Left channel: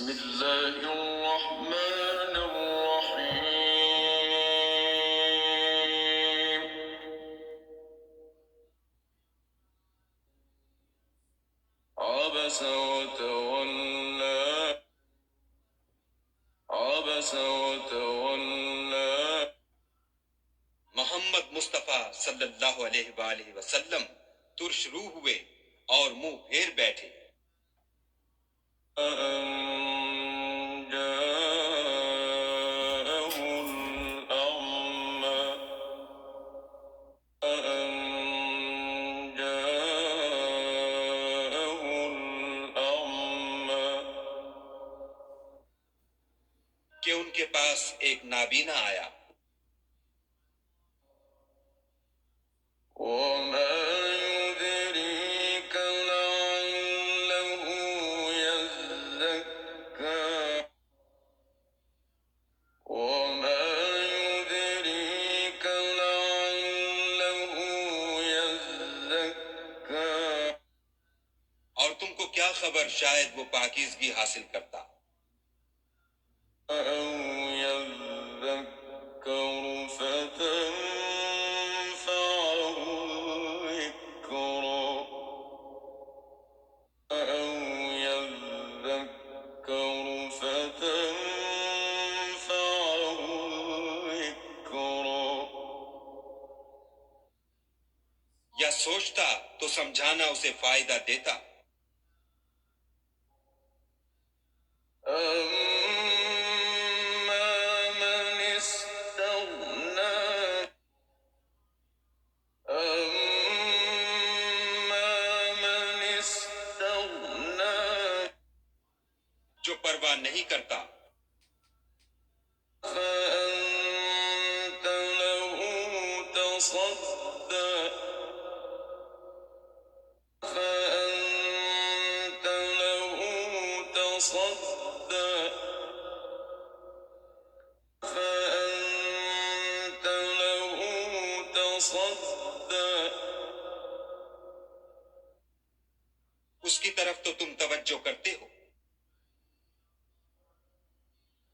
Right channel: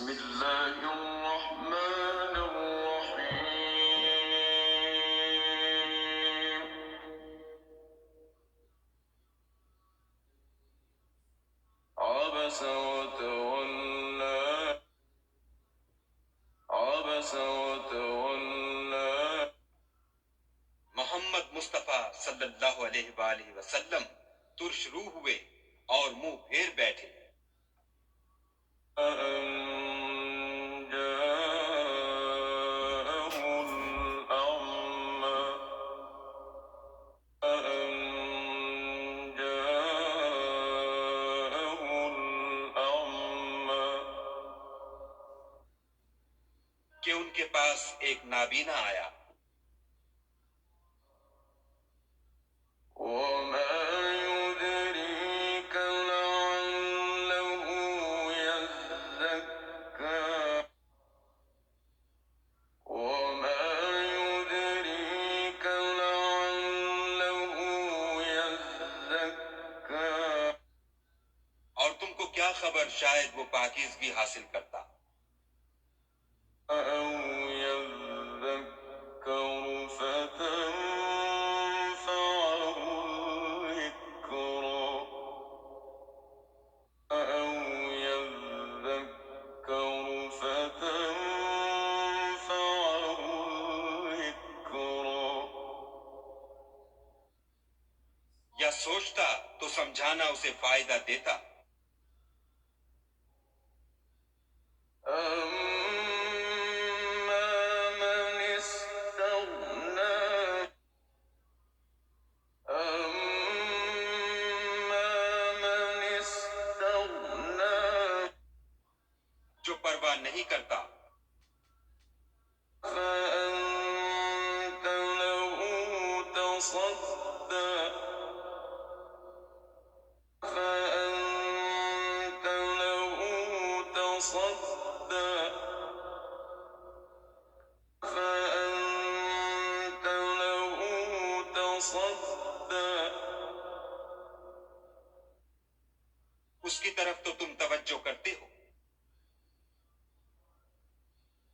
بسم الله الرحمن الرحيم عبس وتولى عبس وتولى محمد مصطفیٰ صلی اللہ علیہ وآلہ وسلم ترش روح ہوئے اور منہ پھیر بیٹھے۔ أن جاءه الأعمى أن جاءه الأعمى کہ ان کے پاس ایک نابینا آیا۔ وما يدريك لعله يزكى وما يدريك لعله يزكى اور تم کو کیا خبر شاید وہ پاکیزگی حاصل کرتا۔ أو يذكر فتنفعه الذكرى أو يذكر فتنفعه الذكرى یا سوچتا تو سمجھانا اسے فائدہ دیتا۔ أما من استغنى أما من استغنى جو پرواہ نہیں کرتا فأنت له تصدى فأنت له تصدى فأنت له تصدى اس کی طرف تو تم توجہ کرتے ہو۔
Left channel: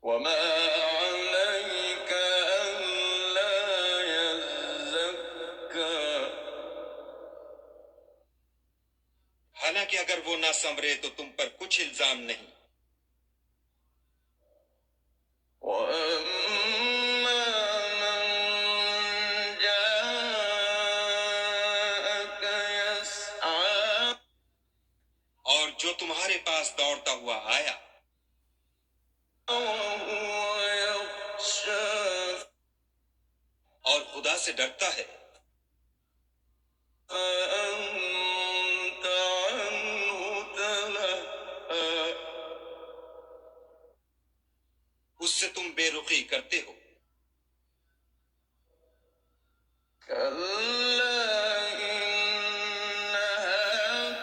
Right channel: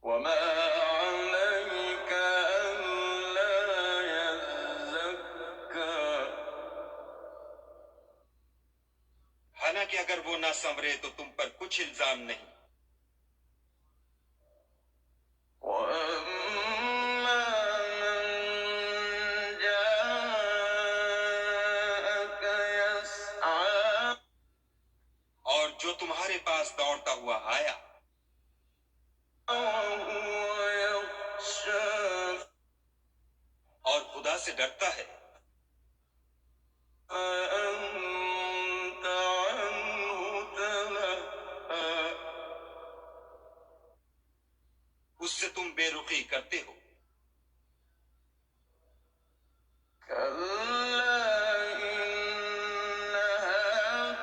وما عليك ألا يزكى حالانکہ اگر وہ نہ سنورے تو تم پر کچھ الزام نہیں۔ وأما من جاءك يسعى اور جو تمہارے پاس دوڑتا ہوا آیا وهو يخشى اور خدا سے ڈرتا ہے فأنت عنه تلهى اس سے تم بے رخی کرتے ہو۔ كلا إنها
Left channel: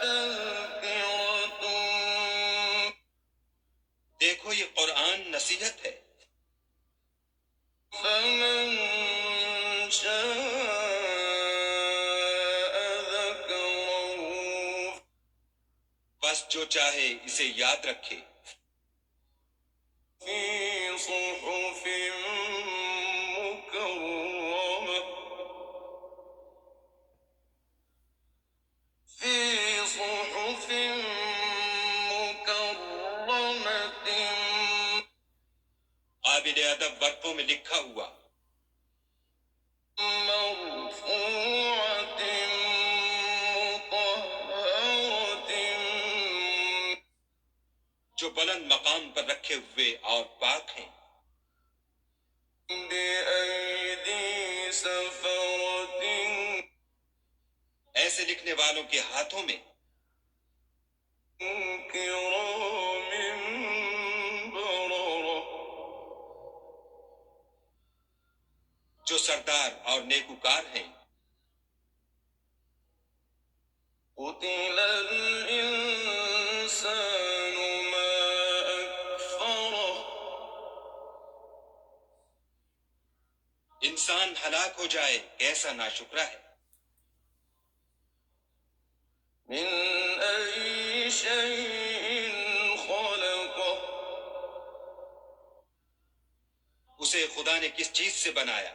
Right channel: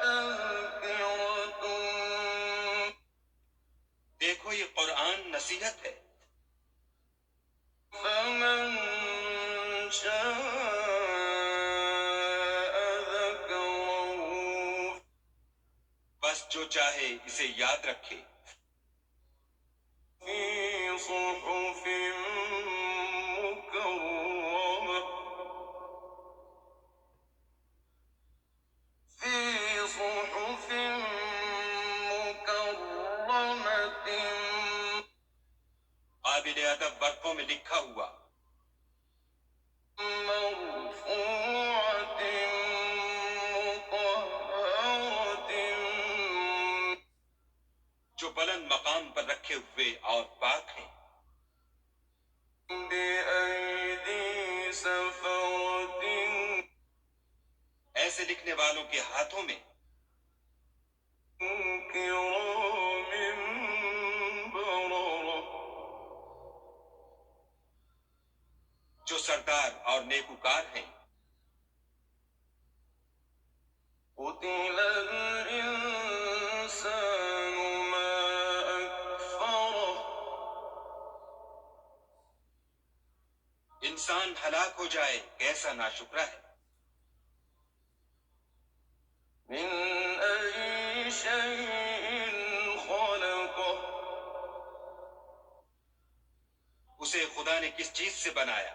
تذكرة دیکھو یہ قرآن نصیحت ہے، فمن شاء ذكره بس جو چاہے اسے یاد رکھے۔ في صحف مكرمة في صحف مكرمة قابل ادب ورقوں میں لکھا ہوا، مرفوعة مطهرة جو بلند مقام پر رکھے ہوئے اور پاک ہیں۔ بأيدي سفرة ایسے لکھنے والوں کے ہاتھوں میں كرام بررة جو سردار اور نیکوکار ہیں۔ قتل الإنسان ما أكفره انسان ہلاک ہو جائے کیسا ناشکرا ہے۔ من أي شيء خلقه اسے خدا نے کس چیز سے بنایا؟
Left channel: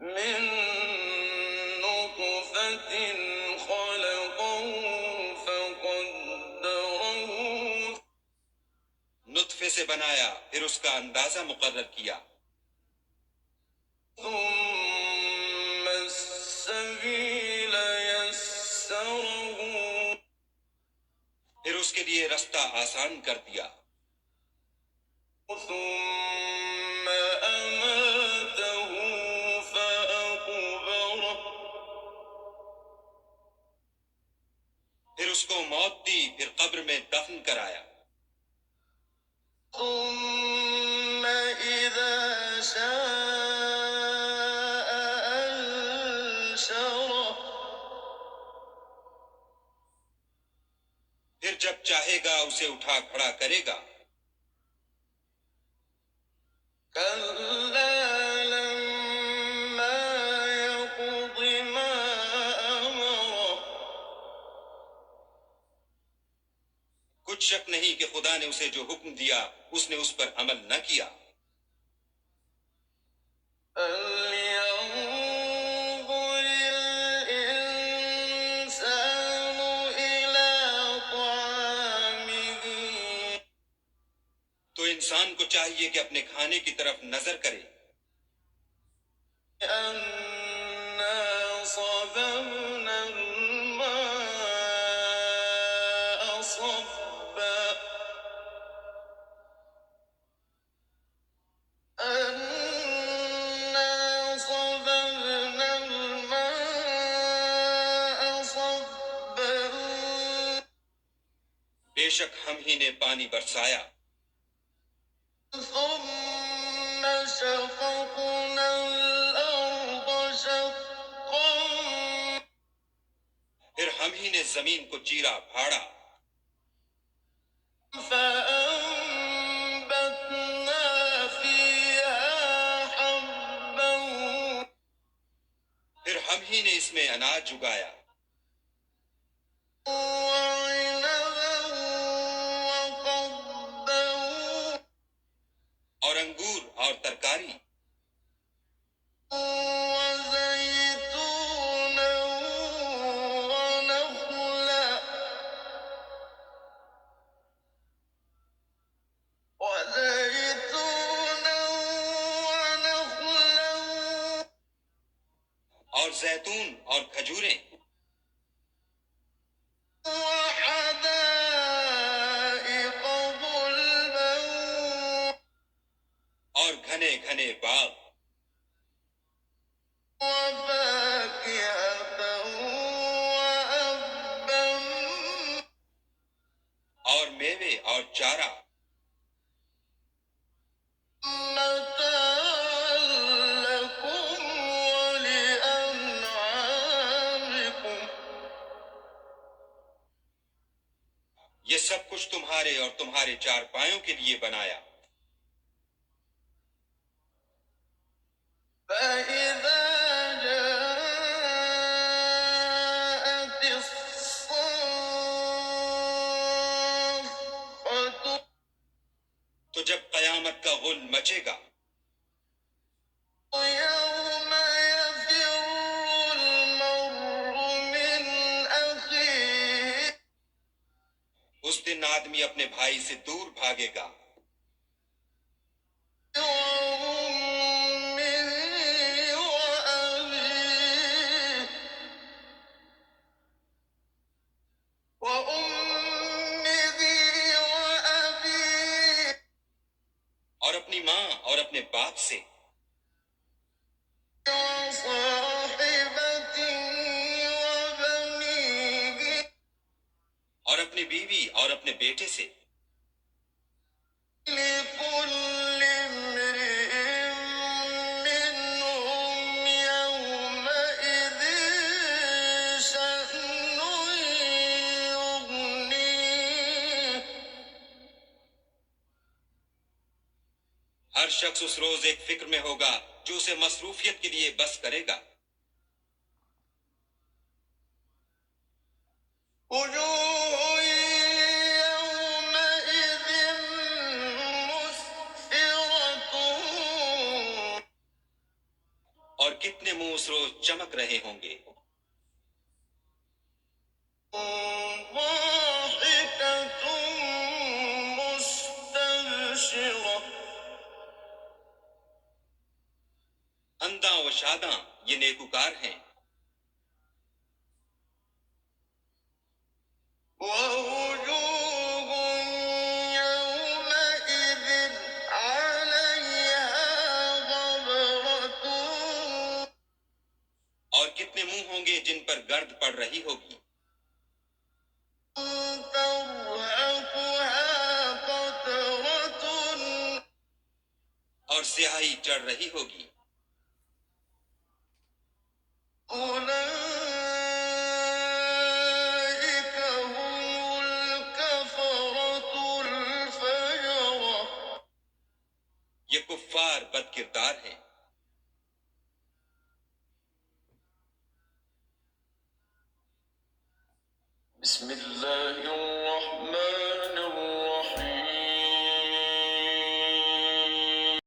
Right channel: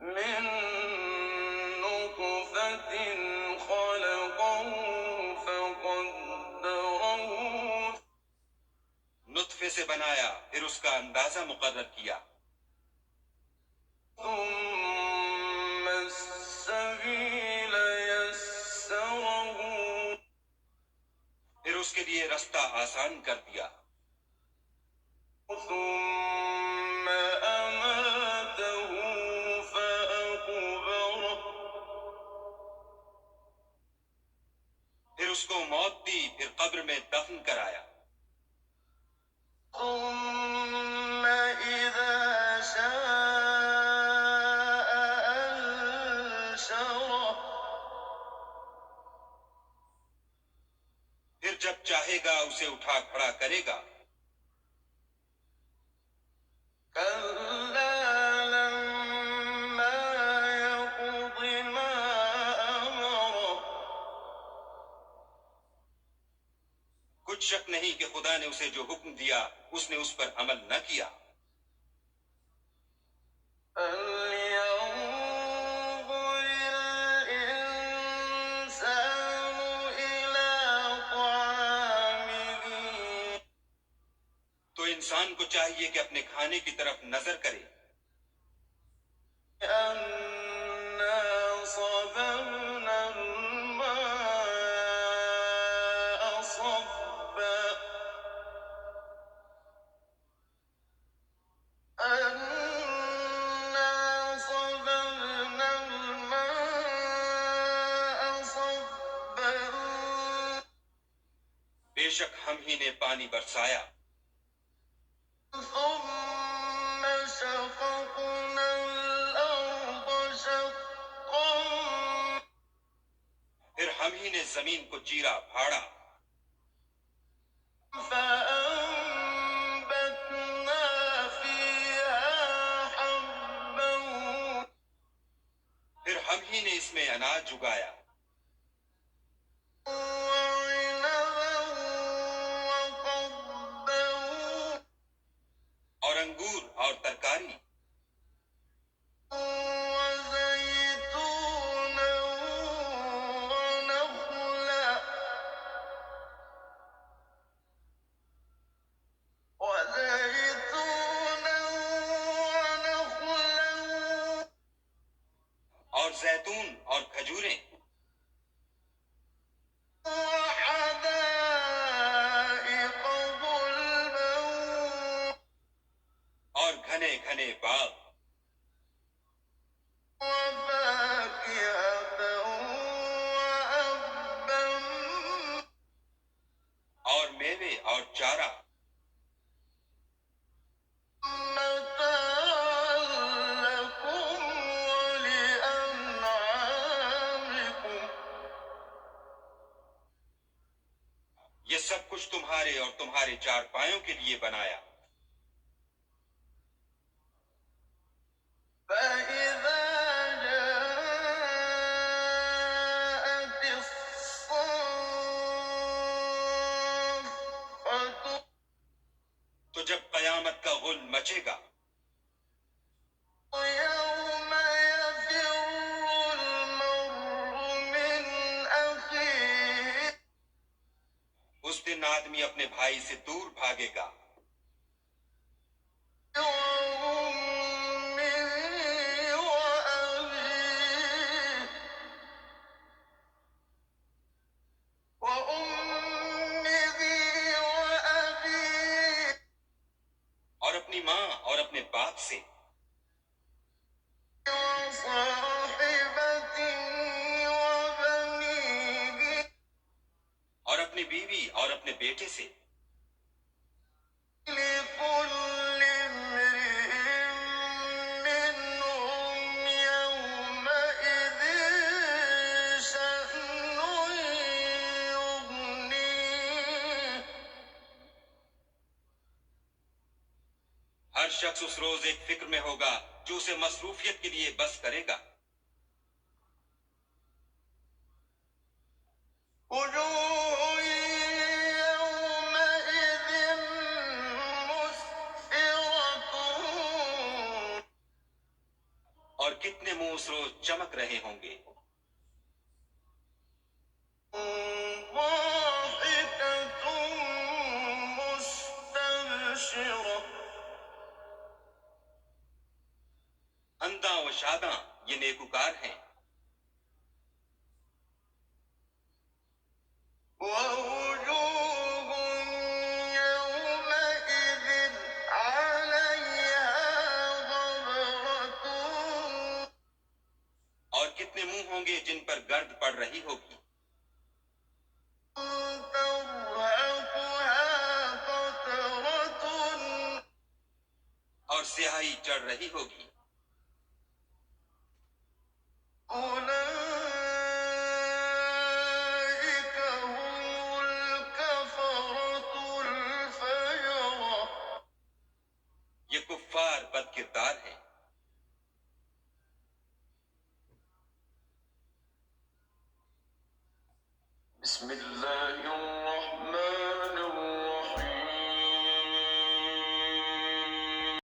من نطفة خلقه فقدره نطفے سے بنایا، پھر اس کا اندازہ مقرر کیا، ثم السبيل يسره پھر اس کے لیے رستہ آسان کر دیا، ثم أماته فأقبره پھر اس کو موت دی، پھر قبر میں دفن کرایا، ثم إذا شاء أنشره پھر جب چاہے گا اسے اٹھا کھڑا کرے گا، كلا لما يقض ما أمره کچھ شک نہیں کہ خدا نے اسے جو حکم دیا اس نے اس پر عمل نہ کیا۔ فلينظر الإنسان إلى طعامه تو انسان کو چاہیے کہ اپنے کھانے کی طرف نظر کرے، أنا صببنا الماء صبا أنا صببنا الماء صبا بے شک ہم ہی نے پانی برسایا، ثم شققنا الأرض شقا پھر ہم ہی نے زمین کو چیرا پھاڑا، فأنبتنا فيها حبا پھر ہم ہی نے اس میں اناج اگایا، وعنبا وقضبا اور انگور اور ترکاری، وزيتونا ونخلا اور زیتون اور کھجوریں، وحدائق غلبا اور گھنے گھنے باغ، وفاكهة وأبا اور میوے اور چارہ، متاعا لكم ولأنعامكم یہ سب کچھ تمہارے اور تمہارے چار پایوں کے لیے بنایا۔ فإذا جاءت الصاخة تو جب قیامت کا غل مچے گا، يوم يفر المرء من أخيه اس دن آدمی اپنے بھائی سے دور بھاگے گا، وأمه وأبيه وأمه وأبيه اور اپنی ماں اور اپنے باپ سے، وصاحبته وبنيه اور اپنی بیوی اور اپنے بیٹے سے، لكل امرئ منهم يومئذ شأن يغنيه ہر شخص اس روز ایک فکر میں ہوگا جو اسے مصروفیت کے لیے بس کرے گا۔ وجوه يومئذ کتنے منہ اس روز چمک رہے ہوں گے. ضاحكة مستبشرة انداں و شاداں یہ نیکوکار ہیں. ووجوه يومئذ عليها غبرة اور کتنے منہ ہوں گے جن پر گرد پڑ رہی ہوگی. ترهقها قترة اور سیاہی چڑھ رہی ہوگی. أولئك هم الكفرة الفجرة یہ کفار بد کردار ہیں. بسم الله